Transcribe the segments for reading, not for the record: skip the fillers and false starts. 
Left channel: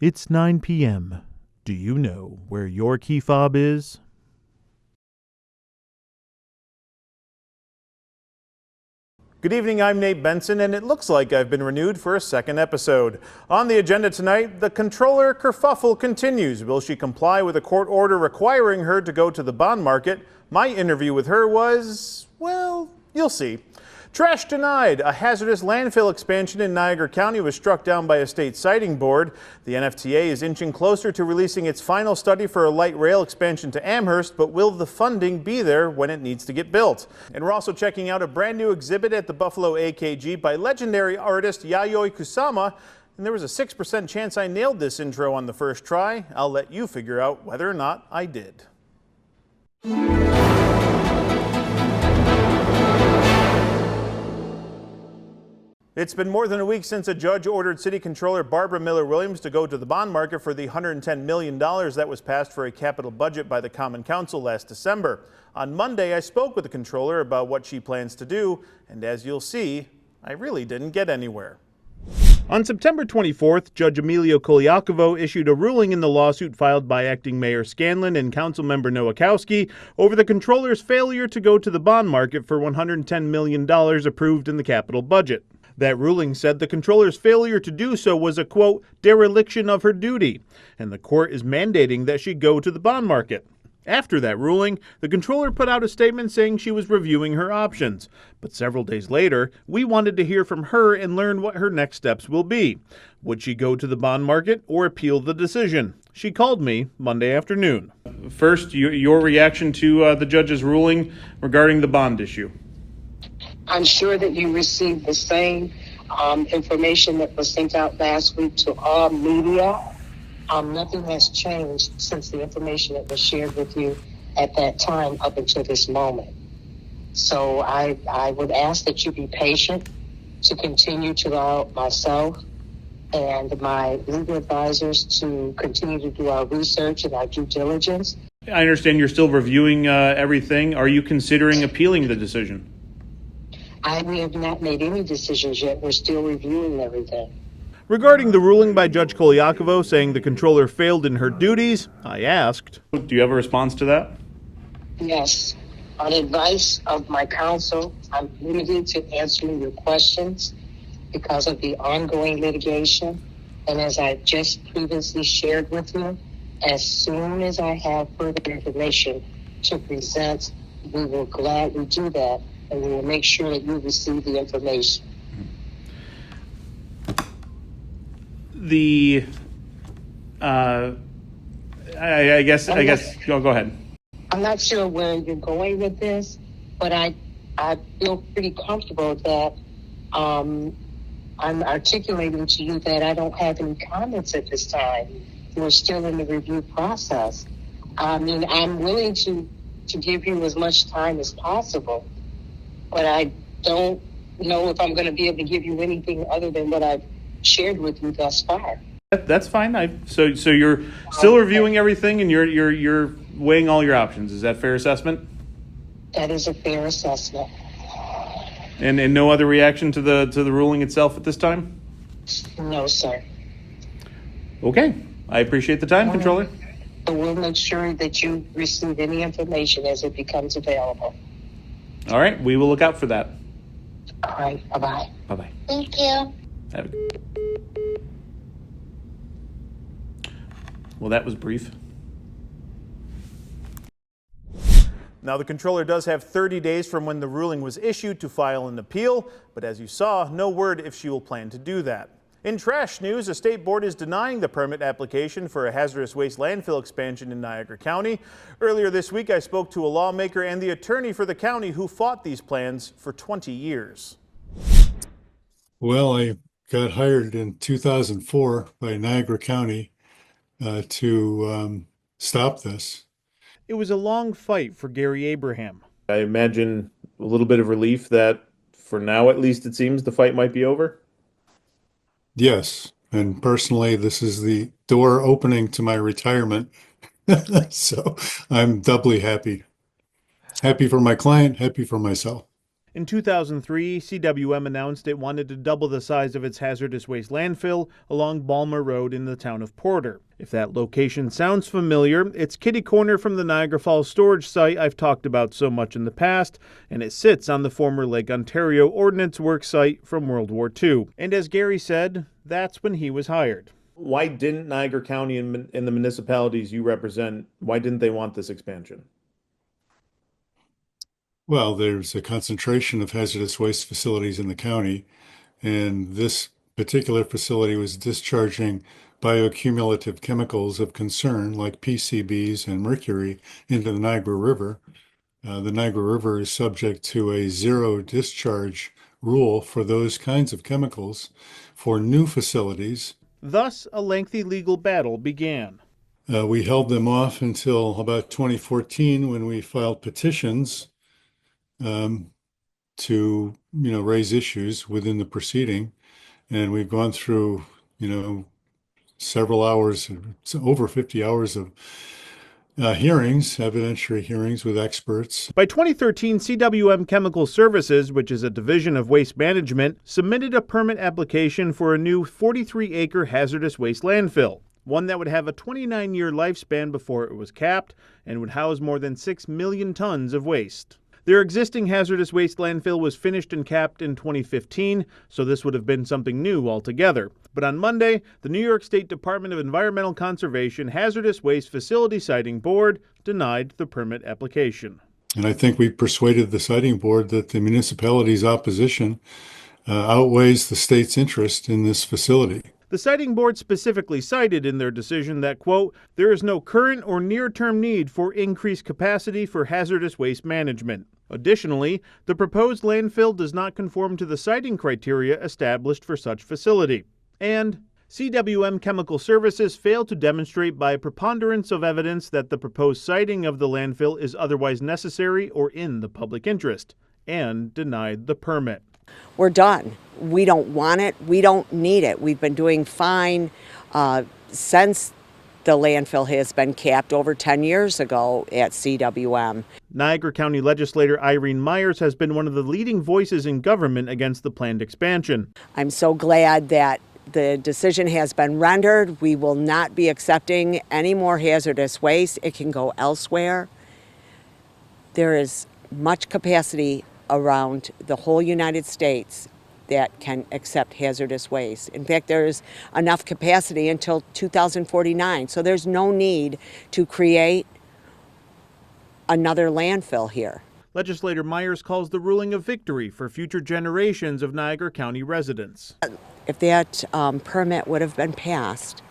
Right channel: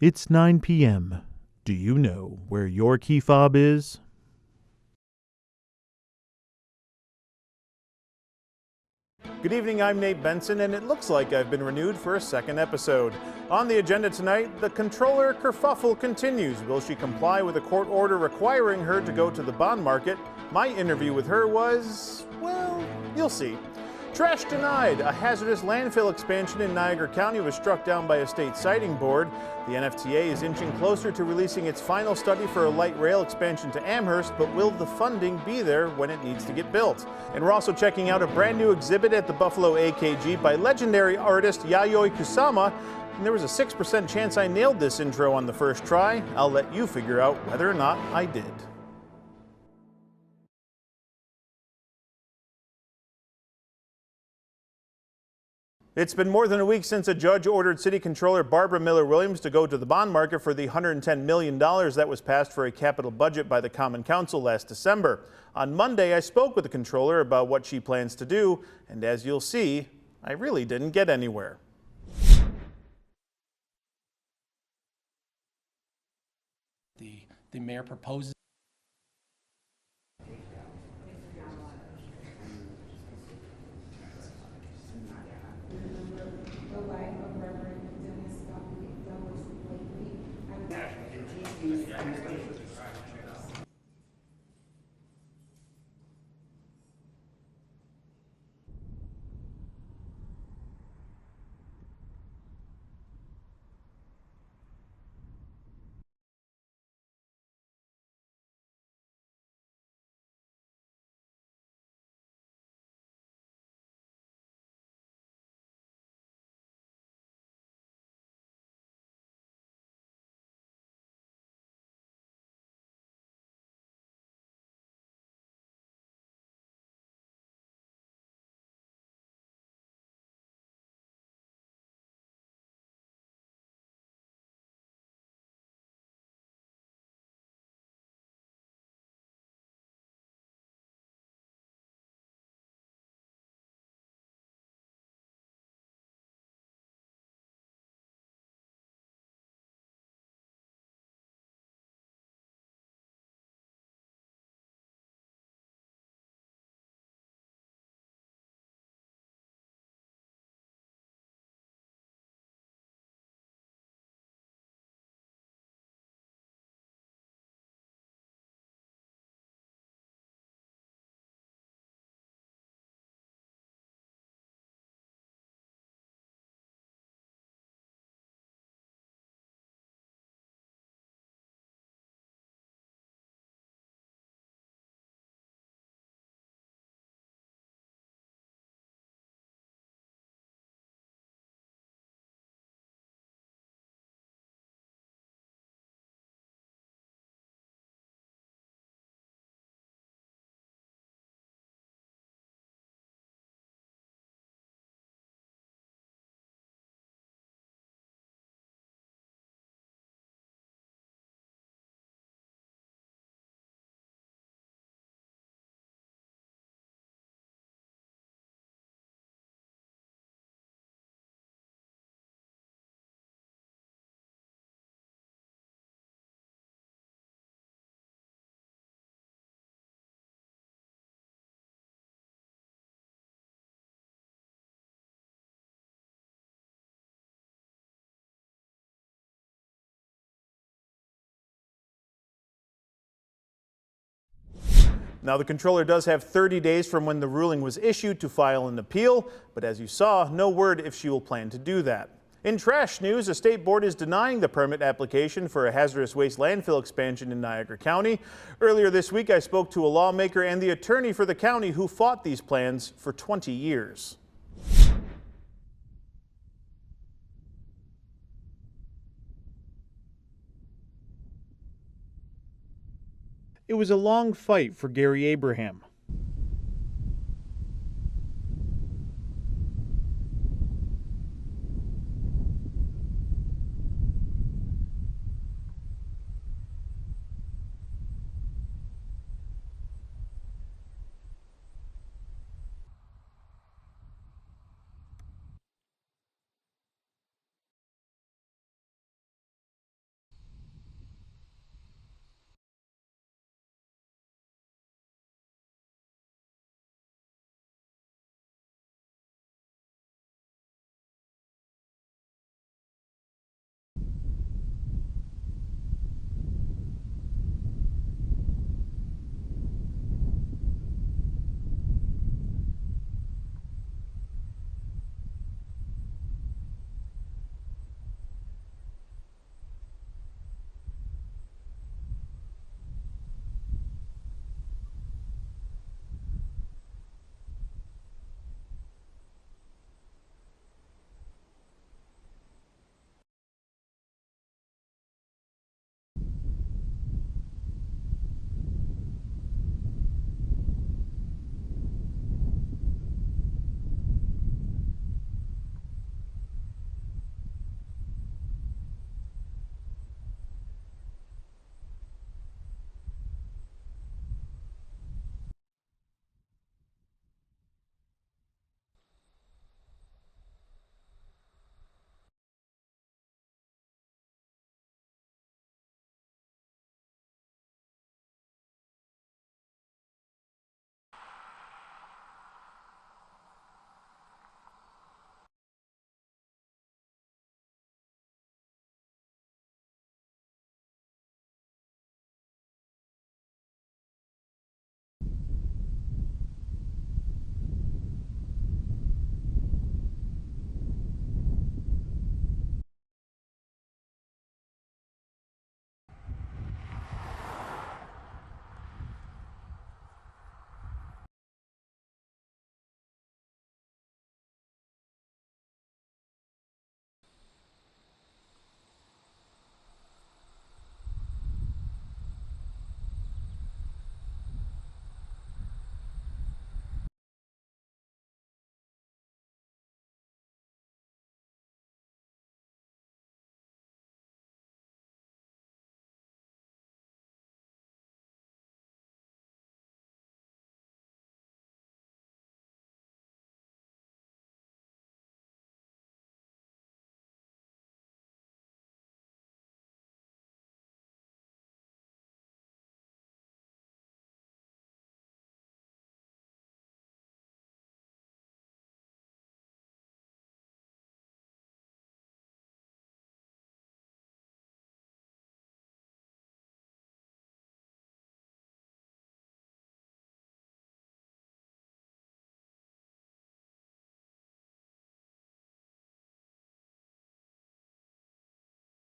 It's 9 p.m. Do you know where your key fob is? Good evening, I'm Nate Benson, and it looks like I've been renewed for a second episode. On the agenda tonight, the comptroller kerfuffle continues. Will she comply with a court order requiring her to go to the bond market? My interview with her was, well, you'll see. Trash denied. A hazardous landfill expansion in Niagara County was struck down by a state siting board. The NFTA is inching closer to releasing its final study for a light rail expansion to Amherst, but will the funding be there when it needs to get built? And we're also checking out a brand new exhibit at the Buffalo AKG by legendary artist Yayoi Kusama. And there was a 6% chance I nailed this intro on the first try. I'll let you figure out whether or not I did. It's been more than a week since a judge ordered City Controller Barbara Miller-Williams to go to the bond market for the $110 million that was passed for a capital budget by the Common Council last December. On Monday, I spoke with the Controller about what she plans to do, and as you'll see, I really didn't get anywhere. On September 24th, Judge Emilio Koliakovo issued a ruling in the lawsuit filed by Acting Mayor Scanlon and Councilmember Nowakowski over the Controller's failure to go to the bond market for $110 million approved in the capital budget. That ruling said the Controller's failure to do so was a, quote, dereliction of her duty, and the court is mandating that she go to the bond market. After that ruling, the Controller put out a statement saying she was reviewing her options. But several days later, we wanted to hear from her and learn what her next steps will be. Would she go to the bond market or appeal the decision? She called me Monday afternoon. First, your reaction to the judge's ruling regarding the bond issue. I'm sure that you received the same information that was sent out last week to all media. Nothing has changed since the information that was shared with you at that time up until this moment. So I would ask that you be patient to continue to allow myself and my legal advisors to continue to do our research and our due diligence. I understand you're still reviewing everything. Are you considering appealing the decision? We have not made any decisions yet. We're still reviewing everything. Regarding the ruling by Judge Koliakovo saying the Controller failed in her duties, I asked, do you have a response to that? Yes. On advice of my counsel, I'm limited to answering your questions because of the ongoing litigation. And as I just previously shared with you, as soon as I have further information to present, we will gladly do that. And we will make sure that you receive the information. I guess, go ahead. I'm not sure where you're going with this, but I feel pretty comfortable that I'm articulating to you that I don't have any comments at this time. We're still in the review process. I mean, I'm willing to give you as much time as possible, but I don't know if I'm going to be able to give you anything other than what I've shared with you thus far. That's fine. So you're still reviewing everything, and you're weighing all your options. Is that a fair assessment? That is a fair assessment. And no other reaction to the ruling itself at this time? No, sir. Okay. I appreciate the time, Controller. So we'll make sure that you receive any information as it becomes available. All right, we will look out for that. All right, bye-bye. Bye-bye. Thank you. Well, that was brief. Now, the Controller does have 30 days from when the ruling was issued to file an appeal, but as you saw, no word if she will plan to do that. In trash news, a state board is denying the permit application for a hazardous waste landfill expansion in Niagara County. Earlier this week, I spoke to a lawmaker and the attorney for the county who fought these plans for 20 years. Well, I got hired in 2004 by Niagara County to stop this. It was a long fight for Gary Abraham. I imagine a little bit of relief that, for now at least it seems, the fight might be over. Yes, and personally, this is the door opening to my retirement. So I'm doubly happy. Happy for my client, happy for myself. In 2003, CWM announced it wanted to double the size of its hazardous waste landfill along Balmer Road in the town of Porter. If that location sounds familiar, it's kitty corner from the Niagara Falls storage site I've talked about so much in the past, and it sits on the former Lake Ontario Ordnance Works site from World War II. And as Gary said, that's when he was hired. Why didn't Niagara County and the municipalities you represent, why didn't they want this expansion? Well, there's a concentration of hazardous waste facilities in the county, and this particular facility was discharging bioaccumulative chemicals of concern like PCBs and mercury into the Niagara River. The Niagara River is subject to a zero discharge rule for those kinds of chemicals for new facilities. Thus, a lengthy legal battle began. We held them off until about 2014 when we filed petitions to raise issues within the proceeding, and we've gone through several hours, over 50 hours of hearings, evidentiary hearings with experts. By 2013, CWM Chemical Services, which is a division of Waste Management, submitted a permit application for a new 43-acre hazardous waste landfill, one that would have a 29-year lifespan before it was capped and would house more than 6 million tons of waste. Their existing hazardous waste landfill was finished and capped in 2015, so this would have been something new altogether. But on Monday, the New York State Department of Environmental Conservation Hazardous Waste Facility Siting Board denied the permit application. And I think we persuaded the siting board that the municipality's opposition outweighs the state's interest in this facility. The siting board specifically cited in their decision that, quote, there is no current or near-term need for increased capacity for hazardous waste management. Additionally, the proposed landfill does not conform to the siting criteria established for such facility. And CWM Chemical Services failed to demonstrate by a preponderance of evidence that the proposed siting of the landfill is otherwise necessary or in the public interest, and denied the permit. We're done. We don't want it. We don't need it. We've been doing fine since the landfill has been capped over 10 years ago at CWM. Niagara County legislator Irene Myers has been one of the leading voices in government against the planned expansion. I'm so glad that the decision has been rendered. We will not be accepting any more hazardous waste. It can go elsewhere. There is much capacity around the whole United States that can accept hazardous waste. In fact, there's enough capacity until 2049, so there's no need to create another landfill here. Legislator Myers calls the ruling a victory for future generations of Niagara County residents. If that permit would have been passed,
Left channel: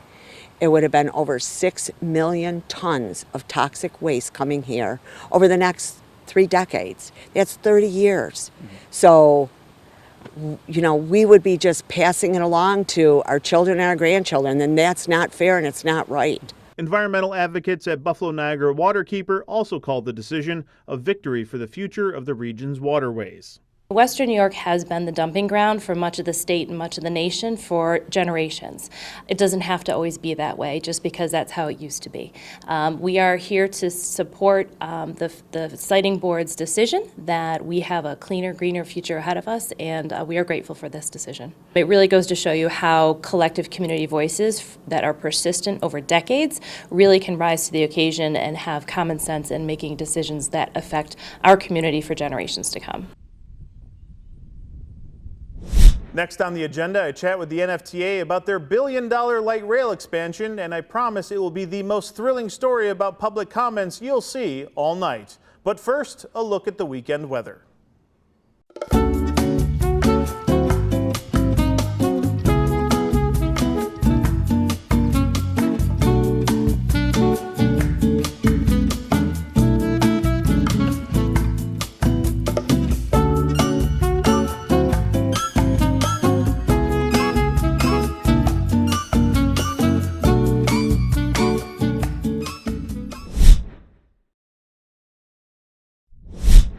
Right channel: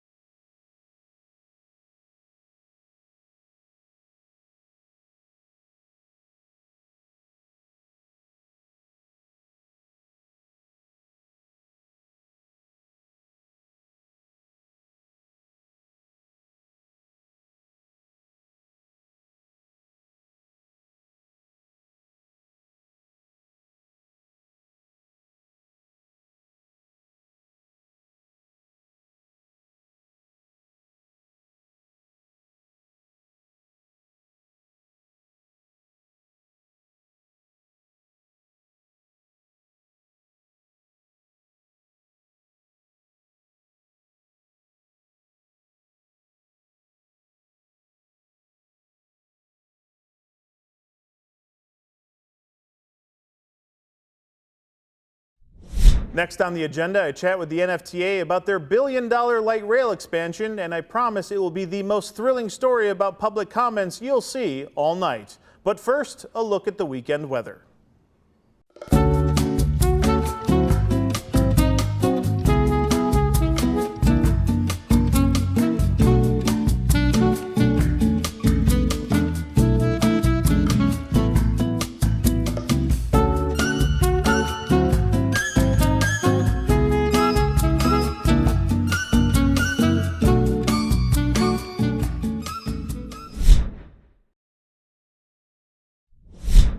it would have been over 6 million tons of toxic waste coming here over the next 3 decades. That's 30 years. So, we would be just passing it along to our children and our grandchildren, and that's not fair and it's not right. Environmental advocates at Buffalo Niagara Waterkeeper also called the decision a victory for the future of the region's waterways. Western New York has been the dumping ground for much of the state and much of the nation for generations. It doesn't have to always be that way just because that's how it used to be. We are here to support the siting board's decision that we have a cleaner, greener future ahead of us, and we are grateful for this decision. It really goes to show you how collective community voices that are persistent over decades really can rise to the occasion and have common sense in making decisions that affect our community for generations to come. Next on the agenda, I chat with the NFTA about their billion-dollar light rail expansion, and I promise it will be the most thrilling story about public comments you'll see all night. But first, a look at the weekend weather.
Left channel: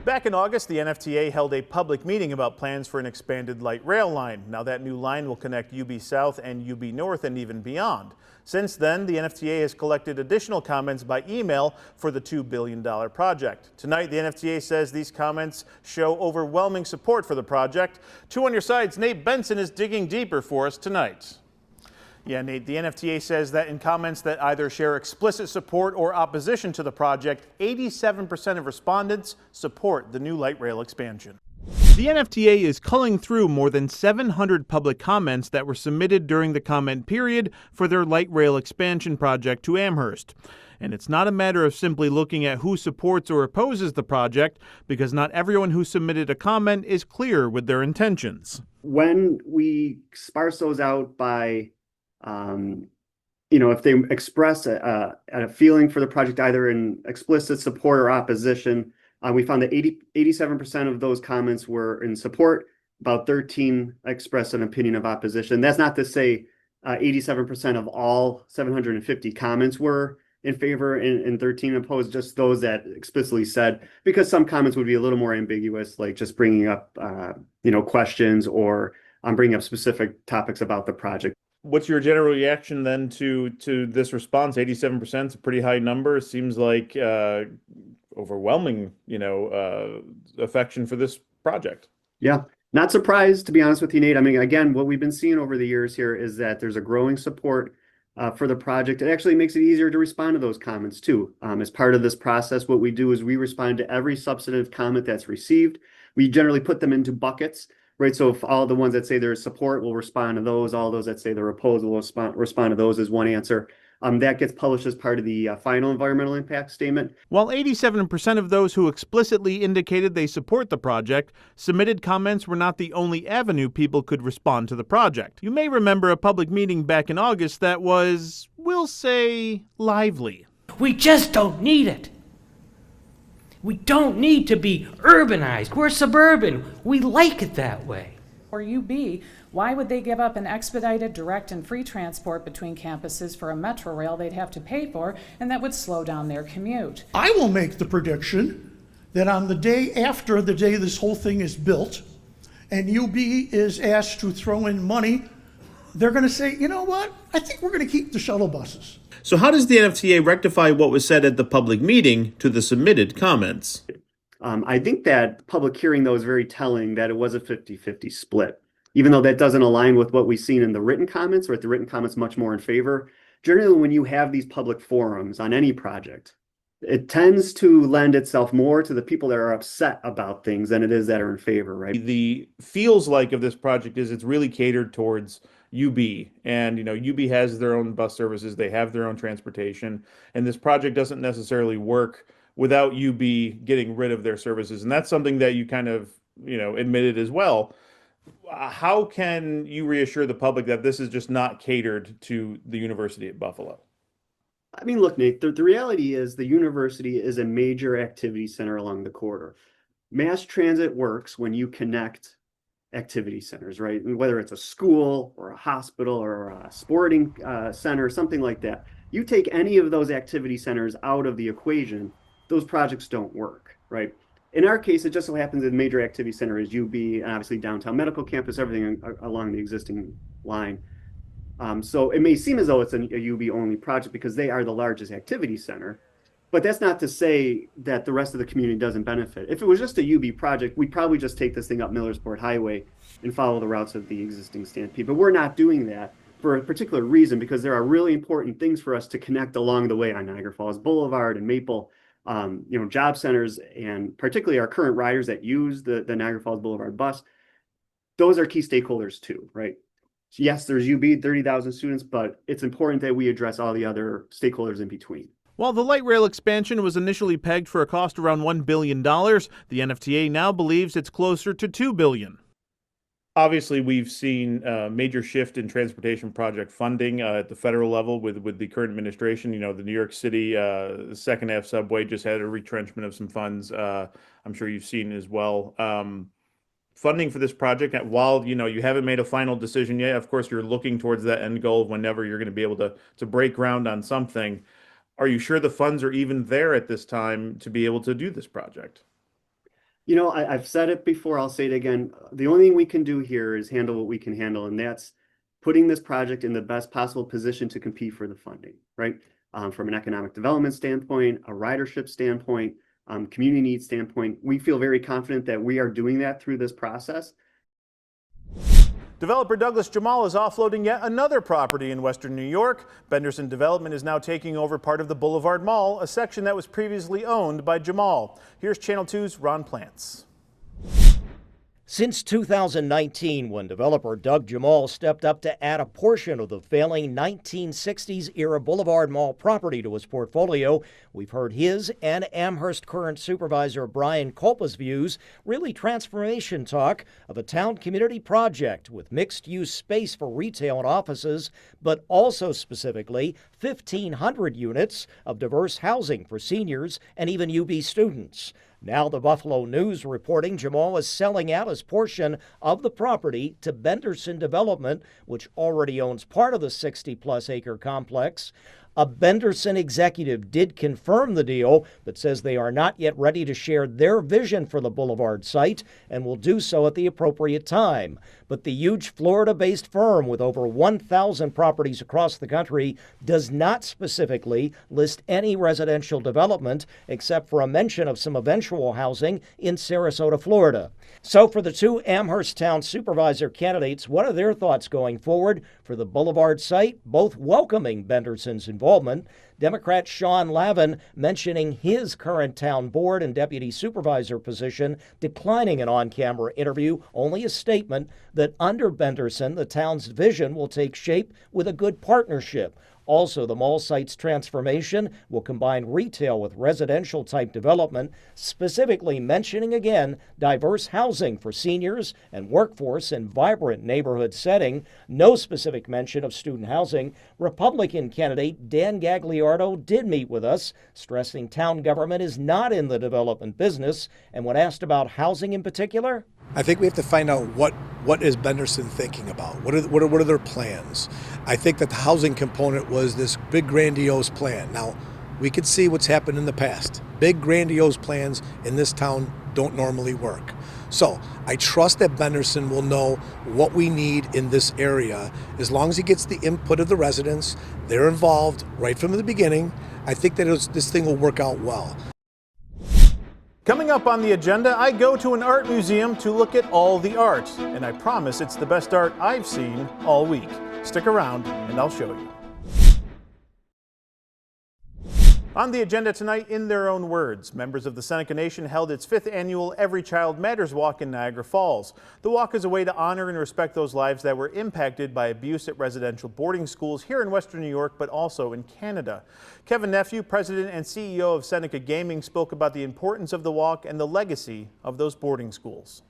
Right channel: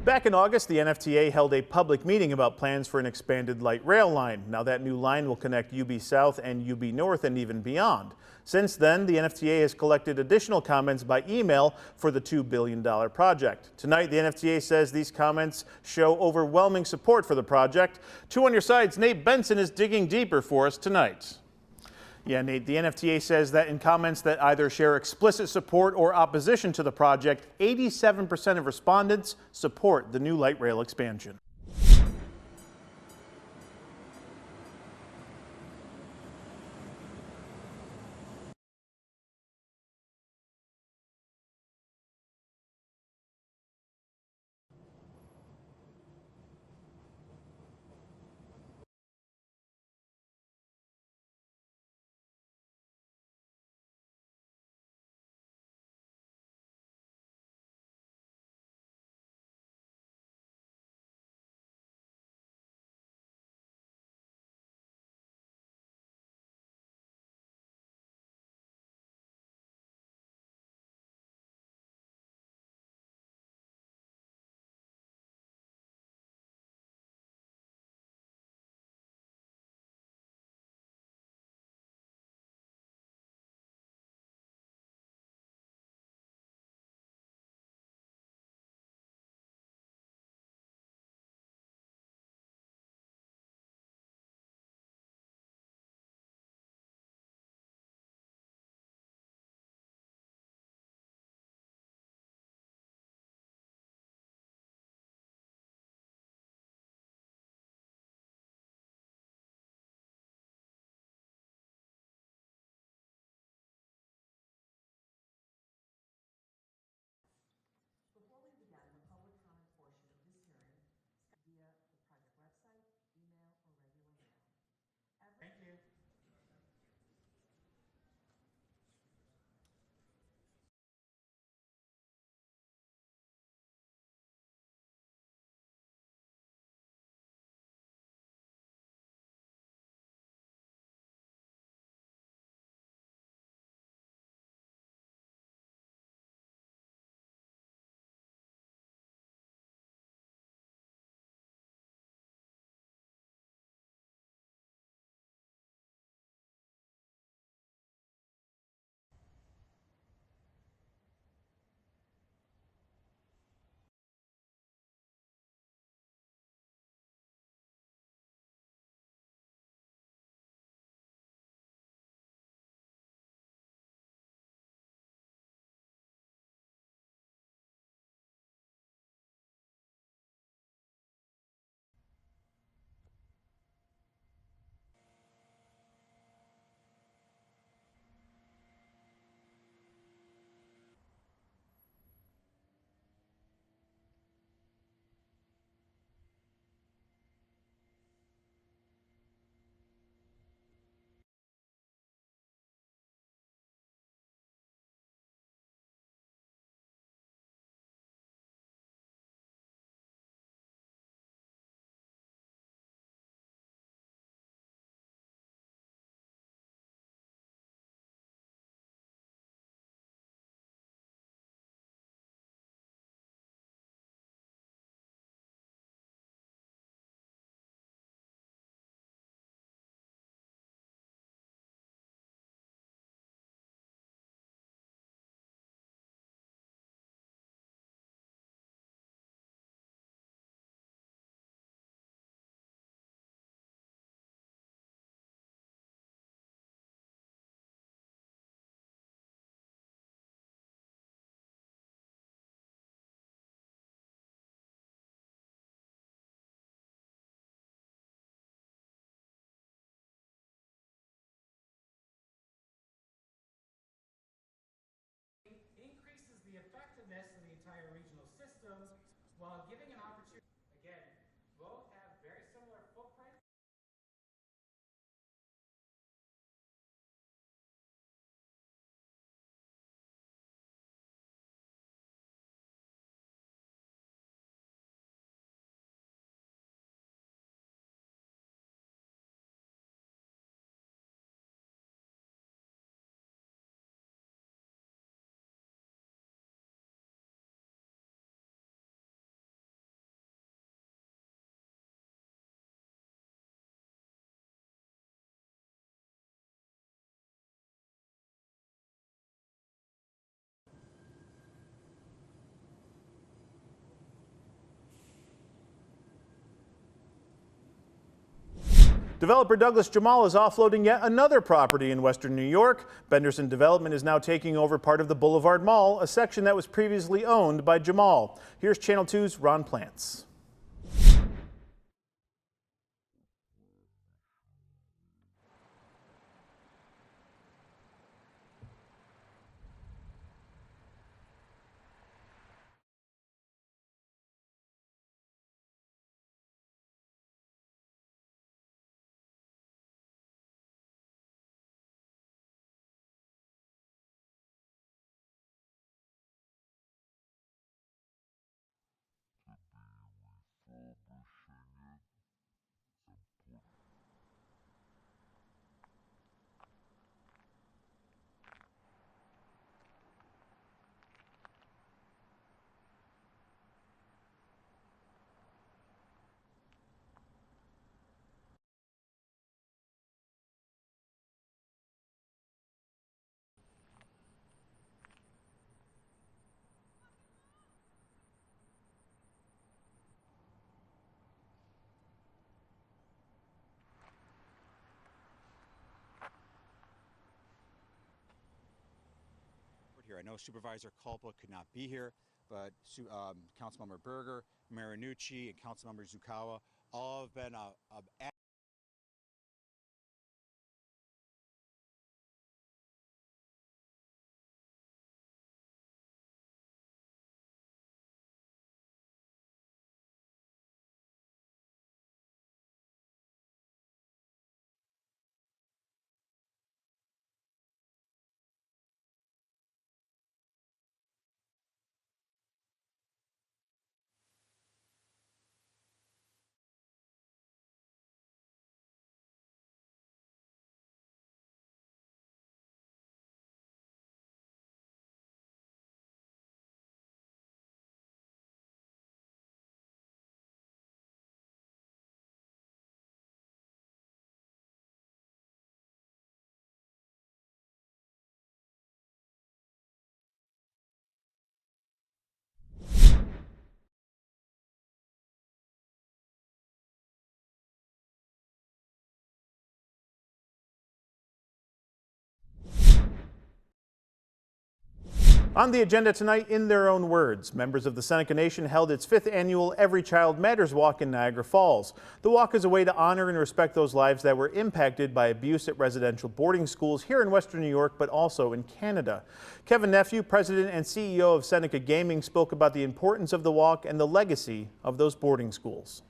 Back in August, the NFTA held a public meeting about plans for an expanded light rail line. Now that new line will connect UB South and UB North and even beyond. Since then, the NFTA has collected additional comments by email for the $2 billion project. Tonight, the NFTA says these comments show overwhelming support for the project. 2 on your side's Nate Benson is digging deeper for us tonight. Yeah, Nate, the NFTA says that in comments that either share explicit support or opposition to the project, 87% of respondents support the new light rail expansion. The NFTA is culling through more than 700 public comments that were submitted during the comment period for their light rail expansion project to Amherst. And it's not a matter of simply looking at who supports or opposes the project, because not everyone who submitted a comment is clear with their intentions. When we sparse those out by if they express a feeling for the project, either in explicit support or opposition, we found that 87% of those comments were in support. About 13 expressed an opinion of opposition. That's not to say 87% of all 750 comments were in favor and 13 opposed, just those that explicitly said, because some comments would be a little more ambiguous, like just bringing up, questions or bringing up specific topics about the project. What's your general reaction then to this response? 87% is a pretty high number. It seems like overwhelming, affection for this project. Yeah, not surprised, to be honest with you, Nate. I mean, again, what we've been seeing over the years here is that there's a growing support for the project. It actually makes it easier to respond to those comments too. As part of this process, what we do is we respond to every substantive comment that's received. We generally put them into buckets. Right, so if all the ones that say there's support, we'll respond to those. All those that say they're opposed, will respond to those as one answer. That gets published as part of the final environmental impact statement. While 87% of those who explicitly indicated they support the project submitted comments were not the only avenue people could respond to the project. You may remember a public meeting back in August that was, we'll say, lively. We just don't need it. We don't need to be urbanized. We're suburban. We like it that way. Or UB, why would they give up an expedited, direct, and free transport between campuses for a metro rail they'd have to pay for, and that would slow down their commute? I will make the prediction that on the day after the day this whole thing is built, and UB is asked to throw in money, they're going to say, you know what, I think we're going to keep the shuttle buses. So how does the NFTA rectify what was said at the public meeting to the submitted comments? I think that public hearing, though, is very telling that it was a 50-50 split. Even though that doesn't align with what we've seen in the written comments, right? The written comments much more in favor. Generally, when you have these public forums on any project, it tends to lend itself more to the people that are upset about things than it is that are in favor, right? The feels like of this project is it's really catered towards UB, and UB has their own bus services, they have their own transportation, and this project doesn't necessarily work without UB getting rid of their services, and that's something that you kind of admitted as well. How can you reassure the public that this is just not catered to the University at Buffalo? I mean, look, Nate, the reality is the university is a major activity center along the corridor. Mass transit works when you connect activity centers, right? Whether it's a school or a hospital or a sporting center, something like that. You take any of those activity centers out of the equation, those projects don't work, right? In our case, it just so happens that the major activity center is UB, and obviously downtown medical campus, everything along the existing line. So it may seem as though it's a UB only project because they are the largest activity center, but that's not to say that the rest of the community doesn't benefit. If it was just a UB project, we'd probably just take this thing up Millersport Highway and follow the routes of the existing Stampede. But we're not doing that for a particular reason, because there are really important things for us to connect along the way on Niagara Falls Boulevard and Maple. Job centers, and particularly our current riders that use the Niagara Falls Boulevard bus, those are key stakeholders too, right? So yes, there's UB, 30,000 students, but it's important that we address all the other stakeholders in between. While the light rail expansion was initially pegged for a cost around $1 billion, the NFTA now believes it's closer to $2 billion. Obviously, we've seen a major shift in transportation project funding at the federal level with the current administration. The New York City second half subway just had a retrenchment of some funds. I'm sure you've seen as well. Funding for this project, while you haven't made a final decision yet, of course you're looking towards that end goal whenever you're going to be able to break ground on something. Are you sure the funds are even there at this time to be able to do this project? You know, I've said it before, I'll say it again. The only thing we can do here is handle what we can handle, and that's putting this project in the best possible position to compete for the funding, right? From an economic development standpoint, a ridership standpoint, community needs standpoint, we feel very confident that we are doing that through this process. Developer Douglas Jamal is offloading yet another property in Western New York. Benderson Development is now taking over part of the Boulevard Mall, a section that was previously owned by Jamal. Here's Channel 2's Ron Plants. Since 2019, when developer Doug Jamal stepped up to add a portion of the failing 1960s-era Boulevard Mall property to his portfolio, we've heard his and Amherst current supervisor Brian Kolpa's views, really transformation talk of a town community project with mixed-use space for retail and offices, but also specifically 1,500 units of diverse housing for seniors and even UB students. Now the Buffalo News reporting Jamal is selling out his portion of the property to Benderson Development, which already owns part of the 60-plus acre complex. A Benderson executive did confirm the deal, but says they are not yet ready to share their vision for the Boulevard site and will do so at the appropriate time. But the huge Florida-based firm with over 1,000 properties across the country does not specifically list any residential development except for a mention of some eventual housing in Sarasota, Florida. So for the two Amherst Town supervisor candidates, what are their thoughts going forward for the Boulevard site, both welcoming Benderson's involvement? Democrat Sean Lavin mentioning his current town board and deputy supervisor position, declining an on-camera interview, only a statement that under Benderson, the town's vision will take shape with a good partnership. Also, the mall site's transformation will combine retail with residential type development, specifically mentioning again diverse housing for seniors and workforce in vibrant neighborhood setting. No specific mention of student housing. Republican candidate Dan Gagliardo did meet with us, stressing town government is not in the development business, and when asked about housing in particular, I think we have to find out what is Benderson thinking about. What are their plans? I think that the housing component was this big grandiose plan. Now, we could see what's happened in the past. Big grandiose plans in this town don't normally work. So I trust that Benderson will know what we need in this area. As long as he gets the input of the residents, they're involved right from the beginning. I think that this thing will work out well. Coming up on the agenda, I go to an art museum to look at all the art, and I promise it's the best art I've seen all week. Stick around and I'll show you. On the agenda tonight, in their own words, members of the Seneca Nation held its 5th annual Every Child Matters Walk in Niagara Falls. The walk is a way to honor and respect those lives that were impacted by abuse at residential boarding schools here in Western New York, but also in Canada. Kevin Nephew, president and CEO of Seneca Gaming, spoke about the importance of the walk and the legacy of those boarding schools.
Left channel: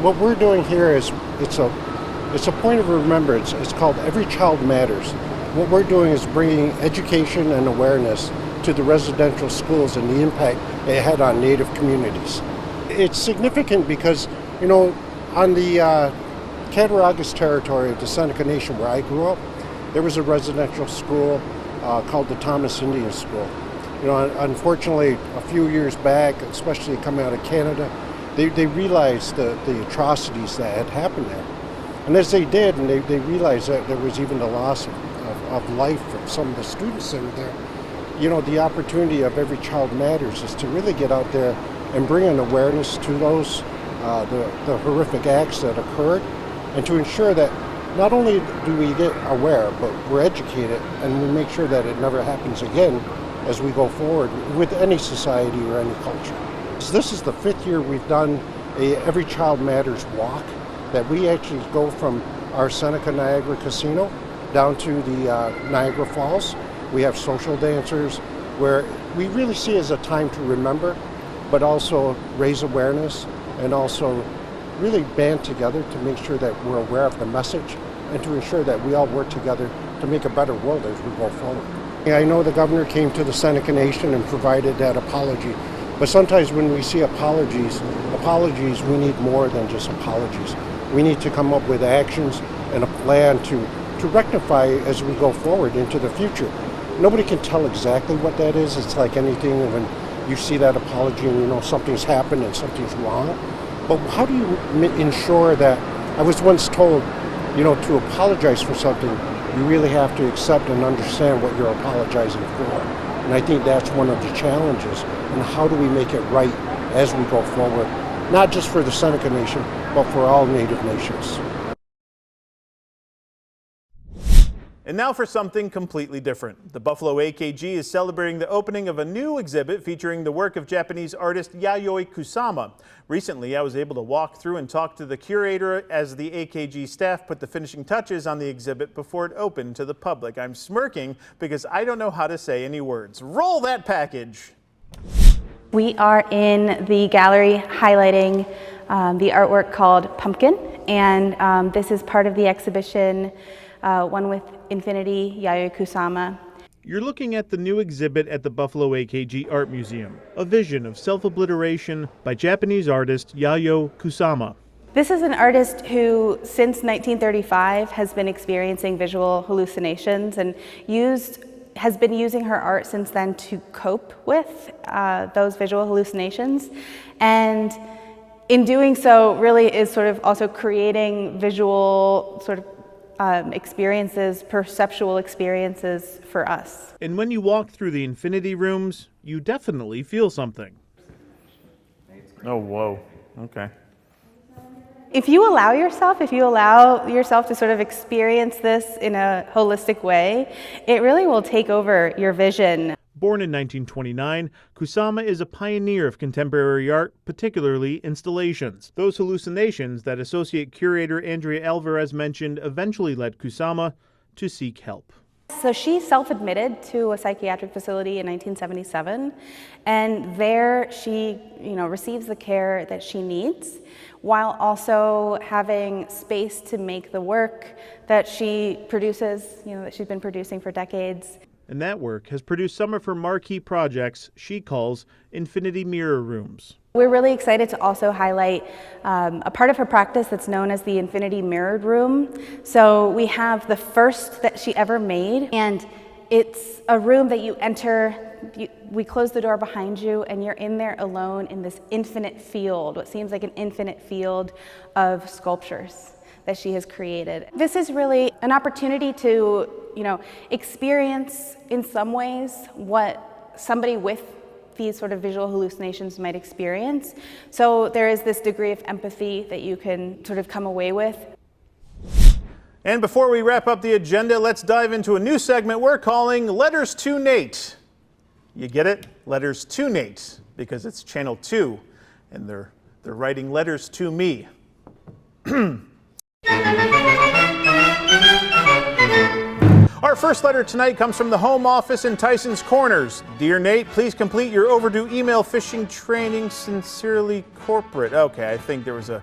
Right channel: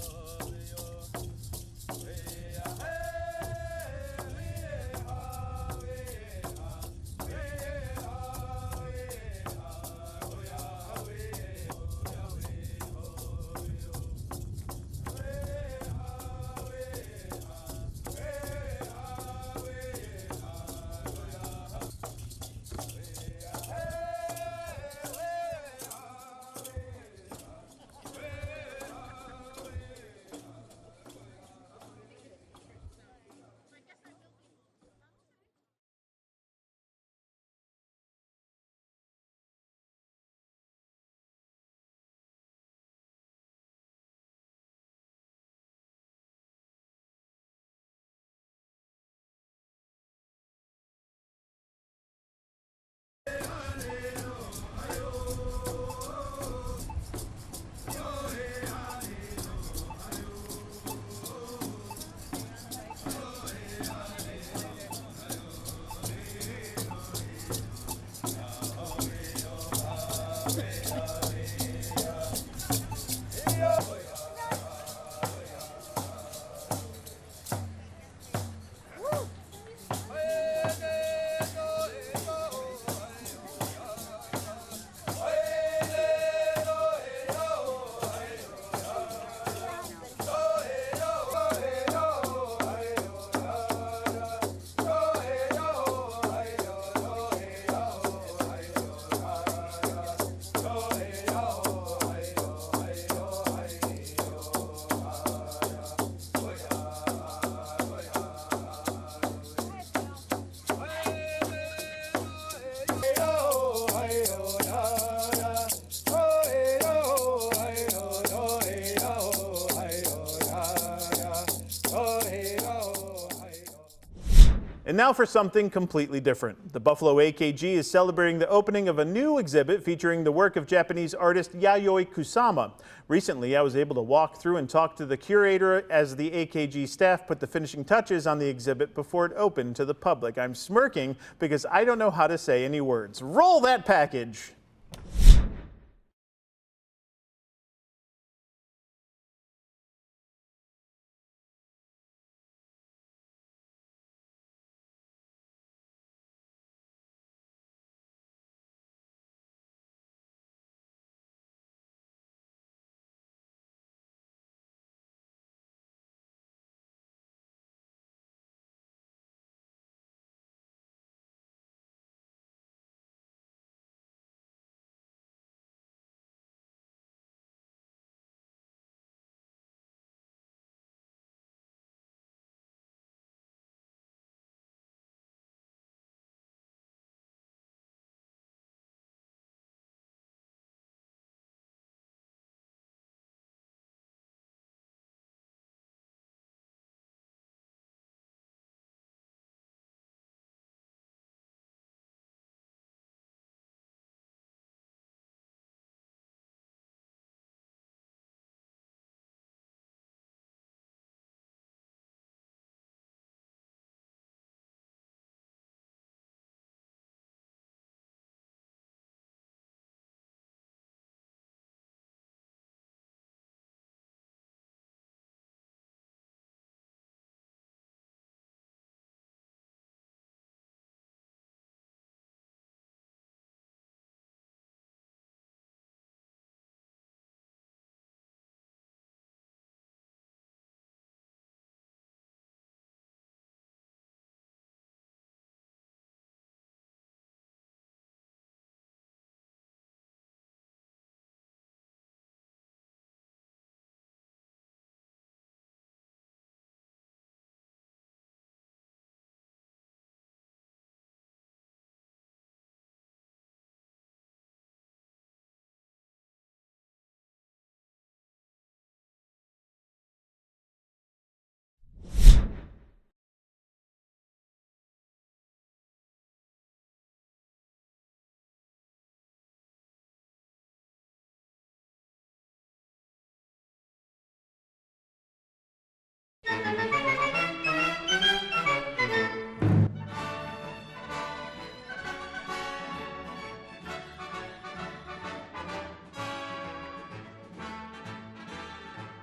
What we're doing here is it's a point of remembrance. It's called Every Child Matters. What we're doing is bringing education and awareness to the residential schools and the impact it had on Native communities. It's significant because, you know, on the Cattaraugus territory of the Seneca Nation where I grew up, there was a residential school called the Thomas Indian School. You know, unfortunately, a few years back, especially coming out of Canada, they realized the atrocities that had happened there. And as they did, and they realized that there was even the loss of life from some of the students that were there, you know, the opportunity of Every Child Matters is to really get out there and bring an awareness to those, the horrific acts that occurred, and to ensure that not only do we get aware, but we're educated and we make sure that it never happens again as we go forward with any society or any culture. So this is the 5th year we've done a Every Child Matters walk, that we actually go from our Seneca Niagara Casino down to the Niagara Falls. We have social dancers where we really see it as a time to remember, but also raise awareness and also really band together to make sure that we're aware of the message and to ensure that we all work together to make a better world as we go forward. I know the governor came to the Seneca Nation and provided that apology. But sometimes when we see apologies, we need more than just apologies. We need to come up with actions and a plan to to rectify as we go forward into the future. Nobody can tell exactly what that is. It's like anything when you see that apology and you know something's happened and something's wrong. But how do you ensure that, I was once told, you know, to apologize for something, you really have to accept and understand what you're apologizing for. And I think that's one of the challenges. And how do we make it right as we go forward? Not just for the Seneca Nation, but for all Native nations. And now for something completely different. The Buffalo AKG is celebrating the opening of a new exhibit featuring the work of Japanese artist Yayoi Kusama. Recently, I was able to walk through and talk to the curator as the AKG staff put the finishing touches on the exhibit before it opened to the public. I'm smirking because I don't know how to say any words. Roll that package! We are in the gallery highlighting the artwork called Pumpkin, and this is part of the exhibition, One with Infinity, Yayoi Kusama. You're looking at the new exhibit at the Buffalo AKG Art Museum, a vision of self-obliteration by Japanese artist Yayoi Kusama. This is an artist who, since 1935, has been experiencing visual hallucinations and has been using her art since then to cope with those visual hallucinations. And in doing so, really is sort of also creating visual sort of experiences, perceptual experiences for us. And when you walk through the infinity rooms, you definitely feel something. Oh, whoa. Okay. If you allow yourself to sort of experience this in a holistic way, it really will take over your vision. Born in 1929, Kusama is a pioneer of contemporary art, particularly installations. Those hallucinations that associate curator Andrea Alvarez mentioned eventually led Kusama to seek help. So she self-admitted to a psychiatric facility in 1977, and there she, receives the care that she needs, while also having space to make the work that she produces, that she's been producing for decades. And that work has produced some of her marquee projects she calls Infinity Mirror Rooms. We're really excited to also highlight a part of her practice that's known as the Infinity Mirrored Room. So we have the first that she ever made, and it's a room that you enter, we close the door behind you, and you're in there alone in this infinite field, what seems like an infinite field of sculptures that she has created. This is really an opportunity to, experience in some ways what somebody with these sort of visual hallucinations might experience. So there is this degree of empathy that you can sort of come away with. And before we wrap up the agenda, let's dive into a new segment we're calling Letters to Nate. You get it? Letters to Nate, because it's Channel 2, and they're writing letters to me. Our first letter tonight comes from the Home Office in Tyson's Corners. Dear Nate, please complete your overdue email phishing training. Sincerely, Corporate. Okay, I think there was a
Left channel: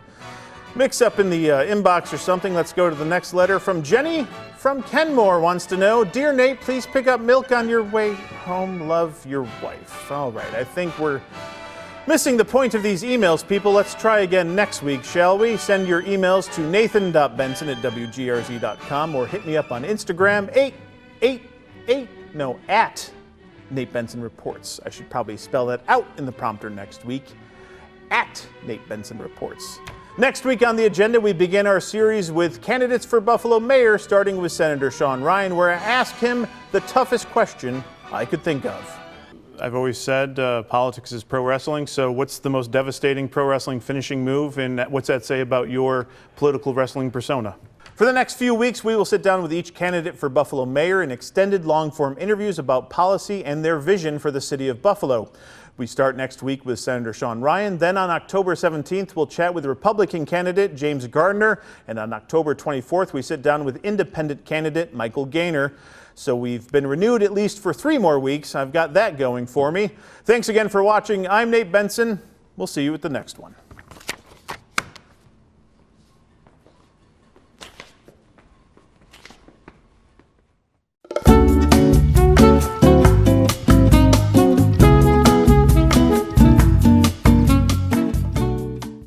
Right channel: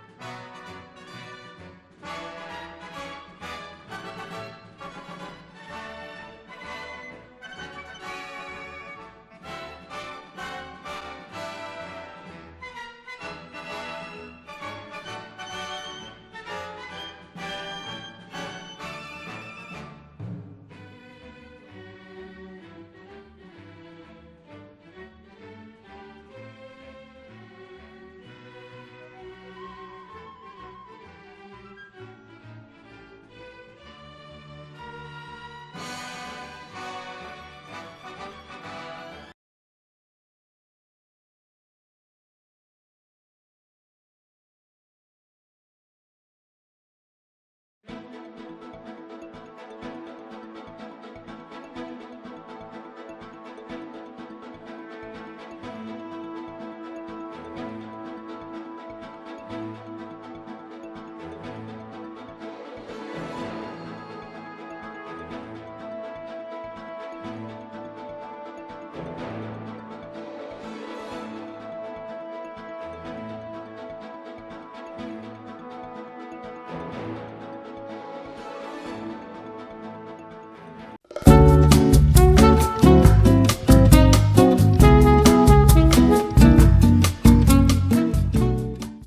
mix-up in the inbox or something. Let's go to the next letter from Jenny from Kenmore. Wants to know, Dear Nate, please pick up milk on your way home. Love, your wife. All right, I think we're missing the point of these emails, people. Let's try again next week, shall we? Send your emails to nathan.benson@wgrz.com or hit me up on Instagram, at Nate Benson Reports. I should probably spell that out in the prompter next week, at Nate Benson Reports. Next week on the agenda, we begin our series with candidates for Buffalo mayor, starting with Senator Sean Ryan, where I ask him the toughest question I could think of. I've always said politics is pro wrestling, so what's the most devastating pro wrestling finishing move, and what's that say about your political wrestling persona? For the next few weeks, we will sit down with each candidate for Buffalo mayor in extended long-form interviews about policy and their vision for the city of Buffalo. We start next week with Senator Sean Ryan. Then on October 17th, we'll chat with Republican candidate James Gardner. And on October 24th, we sit down with independent candidate Michael Gaynor. So we've been renewed at least for 3 more weeks. I've got that going for me. Thanks again for watching. I'm Nate Benson. We'll see you at the next one.